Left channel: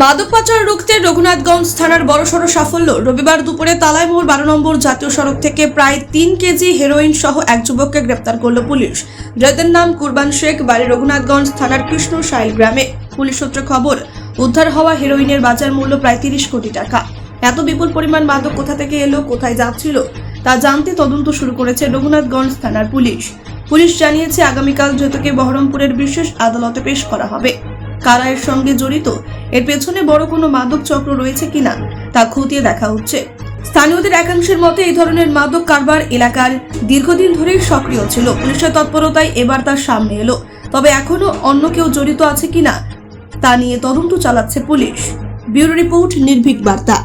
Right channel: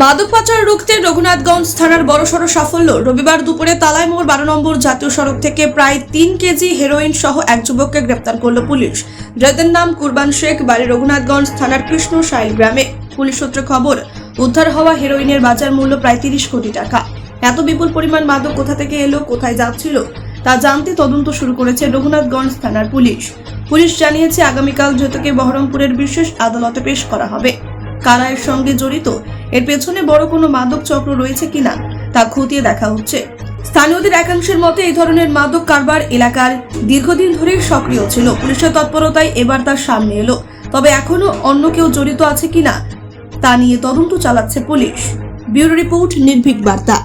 মাদক পাচার রুখতে রঘুনাথগঞ্জ থানার বড়সড় সাফল্য। রবিবার দুপুরে তালাইমোড় 12 নম্বর জাতীয় সড়ক থেকে প্রায় 3 কেজি হেরোইন সহ এক যুবককে গ্রেপ্তার করল পুলিশ। ধৃতের নাম কুরবান শেখ, বাড়ি রঘুনাথগঞ্জ থানার কৃষ্ণশাইল গ্রামে। পুলিশ সূত্রে খবর, উদ্ধার হওয়া হেরোইনের বাজার মূল্য প্রায় 30 কোটি টাকা। এত বিপুল পরিমাণ মাদক কোথা থেকে এলো, কোথায় যাচ্ছিল তা জানতে তদন্ত শুরু করেছে রঘুনাথগঞ্জ থানার পুলিশ। পুলিশ জানিয়েছে, আগামীকাল ধৃতকে বহরমপুরের বিশেষ আদালতে পেশ করা হবে। কারা এর সঙ্গে জড়িত, এর পেছনে বড় কোনো মাদক চক্র রয়েছে কিনা তা খতিয়ে দেখা হচ্ছে। স্থানীয়দের একাংশের মতে এই ধরনের মাদক কারবার এলাকার দীর্ঘদিন ধরেই সক্রিয় ছিল। পুলিশের তৎপরতায় এবার তার সামনে এলো। তবে এখনো অন্য কেউ জড়িত আছে কিনা তা নিয়ে তদন্ত চালাচ্ছে পুলিশ। ব্যুরো রিপোর্ট, নির্ভীক বার্তা।